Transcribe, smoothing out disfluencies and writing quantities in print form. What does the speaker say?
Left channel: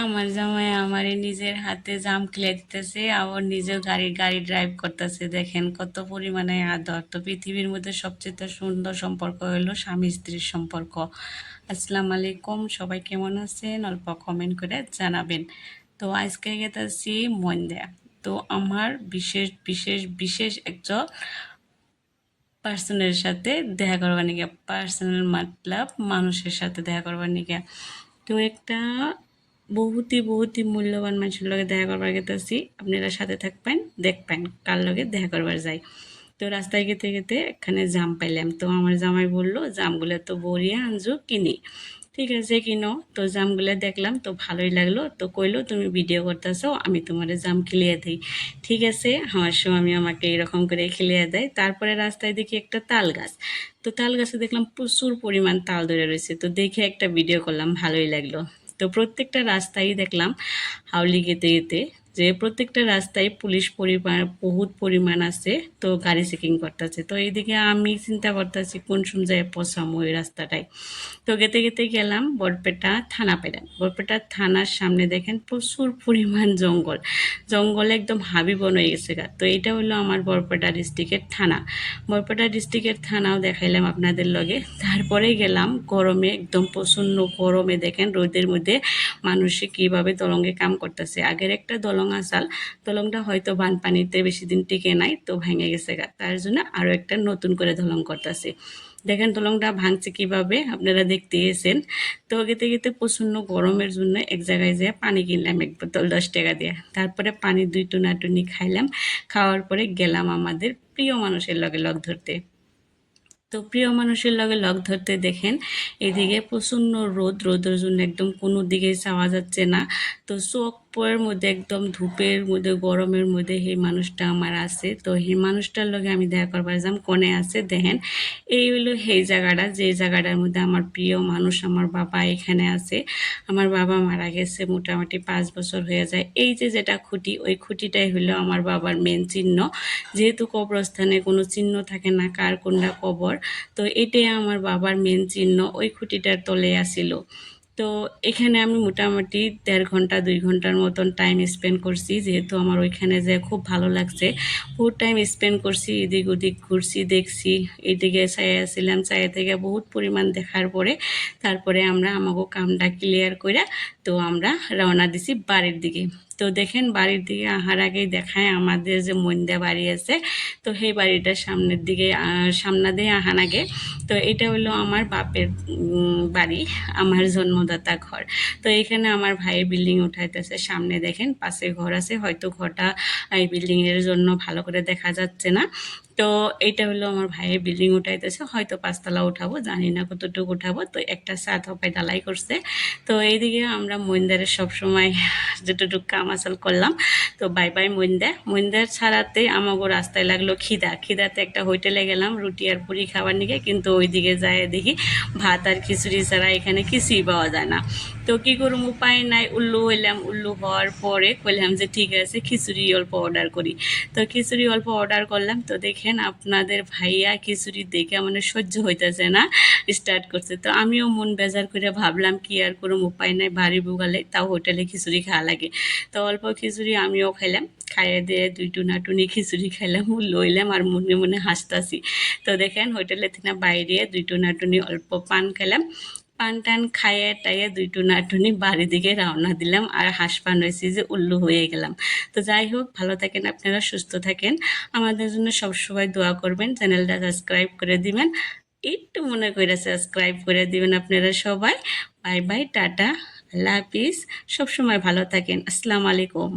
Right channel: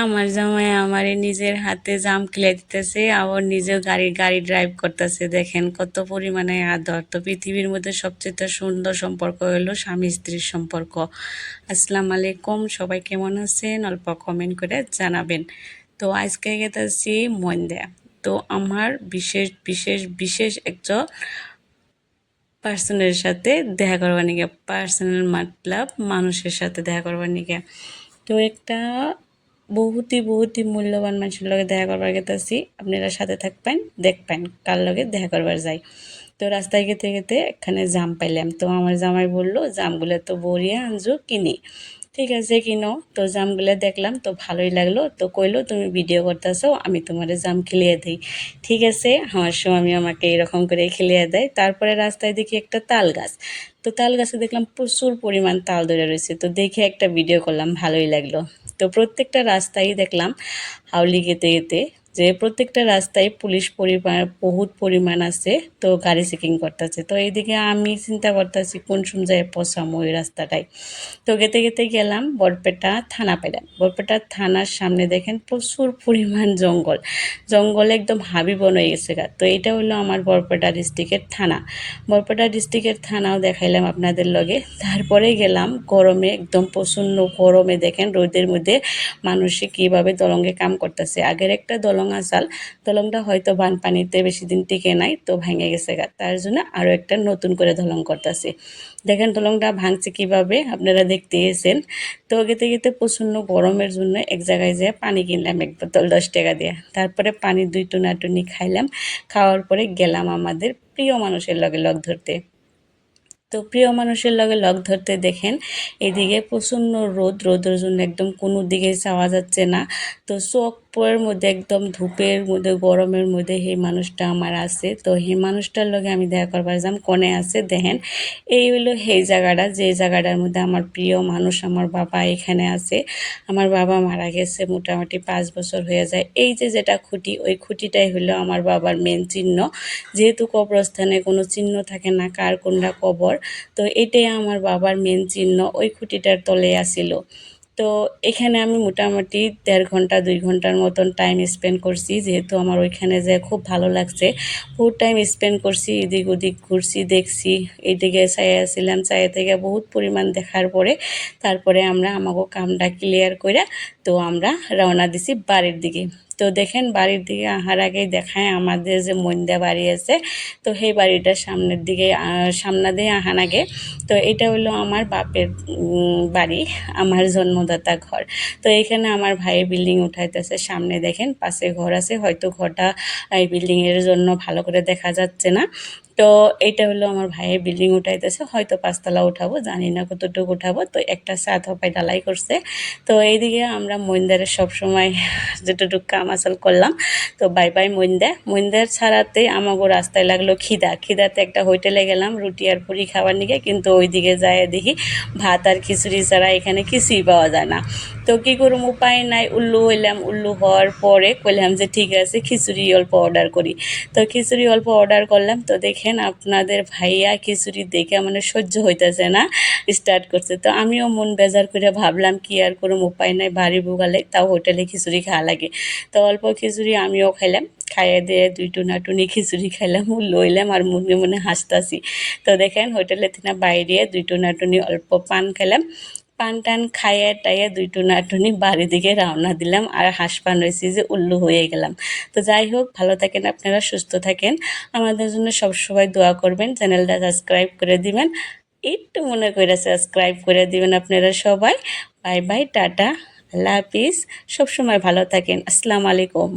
আমার জামাই আমারে নিজের হাতে জাম কিনে দিতেছে, আবার নিজেও গাড়ি গাড়ি ড্রাইভ করতেছে। দেখেন কত পরিমাণে আদর। তো পৃথিবীর মধ্যে সবচেয়ে সুন্দর সম্পর্ক হলো স্বামী স্ত্রীর সম্পর্ক। আসসালামু আলাইকুম, সবাই কেমন আছেন? অল্প কমেন্ট করে জানাবেন। তো আজকে গেতেছি মন্দা। তো আমার বিশেষ বিশেষ বিশেষ একজন পার্সনের সাথে দেখা করবার নিকে, পার্সোনাল মতলব মানুষের সাথে দেখা করবার নিকে। তো একটা বহুতই মূল্যবান মানুষের লগে দেখা করবার গেতেছি। আপনারা সাথে থাকবেন, দেখবেন কার লগে দেখা করবার যাই। তো রাস্তায় গেতে গেতে এখানে জাম পাইলাম। তো আমার জামাই বললো জামগুলো তো বড়িয়া আনজু কিনি। ঠিক আছে কিনো। তো জামগুলো দেখলাম তো ভালোই লাগলো। তো কইলো তুমি ভিডিও করতেছো, আমি তোমার জাম খিলিয়ে দিই। ঠিক আছে, আমার স্বামী আমাকে এরকম করে খিলিয়ে দেয়। তারপরে রাস্তায় দেখি একটা তাল গাছ। তো তাল গাছে দেখলাম প্রচুর পরিমাণ তাল ধরে রয়েছে। তো দেখে একটা ভিডিও করলাম, ভালোই লাগলো। তো প্রত্যেকটা রাস্তায় দেখলাম হাউলি গেতে গেতে যে প্রত্যেকটা রাস্তায় পুলিশ পরিমাণ বহুত পরিমাণ আছে। তো গাড়ি চেকিং করতেছে। তো এইদিকে আমি চিন্তা করতেছি কোন সময় পৌঁছাম ওই রাস্তাটায়। তো গেতে গেতে গেলাম বরপেটা থানা পেলাম। বরপেটা থানার সামনে দেখেন প্রচুর পরিমাণ জঙ্গল। জঙ্গলে একদম হাবিবন হয়ে গেছে গা। তো এটা হলো আমার বরপেটা ডিস্ট্রিক্টের থানা। বরপেটা ডিস্ট্রিক্টের থানাও দেখাইলাম আপনাদের লগে। তারপরে গেলাম গরমে, একদম প্রচণ্ড গরমে দেখেন রোদের মধ্যে মানুষে কীভাবে দলঙ্গে কাম করতেছে। আগের একটা দলং আসাল, দলংটা হয়তো বানপানিতে বেশি দিন টিকে নাই, তো ভেঙে গেছে গা। তার জন্য আরও একটা নতুন করে দলং করতেছে। দেখেন দলংটা ভাঙছে কিভাবে, আপনারা দেখতে গেছেন। তো গেতে গেতে প্রচণ্ড গরমের জন্য এক জায়গায় যেয়ে পানি কিনলাম এক বোতল 10 টাকা দিয়ে। তারপরে পানি 2 টুনি খাইলাম। খাওয়ার পরে গেলাম আমাদের প্রিয় মানুষের লগে লগ ধরতে। তো প্রিয় মানুষের লগে লগ ধরতে দেখেন এদিকে প্রচণ্ড রোদের জন্য একদম কোনো দিকে যাওয়া যাচ্ছে না। তো চোখের মধ্যে একদম ধূপের মধ্যে গরমের মধ্যে সেই মানুষটা আমার আছে। তো সেই মানুষটার লগে আমি দেখা করবার যাম কোনে আছে দেখেন। এই হলো সেই জায়গাটা, যে জায়গাটার মধ্যে আমার প্রিয় মানুষ আমার বাবা এখানে আছে। আমার বাবা মারা গেছে মোটামুটি 5 বছর হয়ে যায়। এই যে যেটা খুঁটি, ওই খুঁটিটাই হলো আমার বাবার মেন চিহ্ন। যেহেতু কবরস্থানে কোনো চিহ্ন থাকে না কার কোনটা কবর, তো এটাই আমার বাবার মেন চিহ্ন। ওই খুঁটিটার তলে আসিল। তো এখানে আমি মোটামুটি 1.5 ঘন্টা 2 ঘন্টার মতন টাইম স্পেন্ড করছি, যেহেতু আমার ওইখানে যে খুব ভালো লাগছে। বহুত টাইম স্পেন্ড করছি, এদিক ওদিক ঘুরছি, দেখছি। এইদিকে চাইয়া আসছিলাম, চাইয়া থেকে বহুত পরিমাণ দেখার পরে তারপরে আমরা আমাকে কামটা ক্লিয়ার করে তো আমরা রওনা দিছি বাড়ির দিকে। তো দেখেন বাড়ির দিকে আহার আগেই দেখায় আমাদের যে মন্দা বাড়ি আছে। তো সেই বাড়িটার সামনের দিকে সামনা দিয়ে আহান আগে। তো এটা হলো আমার বাপের বাড়ি, আমার জন্মদাতা ঘর। তো এখানে আমার ভাই বিল্ডিং উঠাইতেছে। সামনে দেখেন পাশে ঘর আছে, হয়তো ঘরটা এই বিল্ডিংয়ের জন্য ভালো করে দেখা যাচ্ছে না। তো এইটা হলো আমার ভাইয়ের বিল্ডিং উঠাইতেছে, হয়তো 5 তলা উঠাবো, জানি না কতটুকু উঠাবো। তো একটা ছাদ হপায় ঢালাই করছে। তো এইদিকে আমরা মইন্দারে সবসময় যতটুকু কাম আসল করলাম। তো বাই বাই মইন্দার ছাড়াতে আমাগো রাস্তায় লাগলো খিদাতে একটা হোটেলে গেলাম রুটি আর পুরি খাবার নিকে, কিন্তু ওইদিকে যায় দেখি ভাত আর খিচুড়ি ছাড়া এখানে কিছুই পাওয়া যায় না। তো কী করুম, উপায় নাই, উল্লু হইলাম। উল্লু হওয়ার পরে কইলাম যে ঠিক আছে খিচুড়ি অল্প অর্ডার করি। তো খিচুড়ি অল্প অর্ডার করলাম। তো দেখেন আপনাদের ভাইয়া খিচুড়ি দেখে মানে সহ্য হইতেছে না, স্টার্ট করছে। তো আমিও মন বেজার করে ভাবলাম কি আর করুম, উপায় নাই, বাড়ি বুগালে তাও হোটেলে খিচুড়ি খাওয়া লাগে। তো অল্প খিচুড়ি আমিও খাইলাম। খাইয়ে দিয়ে 2 টুনি খিচুড়ি খাইলাম, লইলাম আর মনে মনে হাসতাছি। তো দেখেন হোটেলে থেকে বাইরে 2 টুনি অল্প পান খেলাম। পান টান খাইয়ে টাইয়ে 2 টুনি বাড়ির দিকে রওনা দিলাম। আর হাসপান রয়েছি যে উল্লু হয়ে গেলাম। তো যাই হোক, ভালো থাকেন আপনারা, সুস্থ থাকেন। আমাদের জন্য সবসময় দোয়া করবেন, চ্যানেলটা সাবস্ক্রাইব করে দিবেন। একটু মনে করে সাবস্ক্রাইব করে দিবেন আপনারা সবাই। বাই বাই, টাটা, আল্লাহ হাফিজ। সবসময় ভালো থাকেন। আসসালামু আলাইকুম।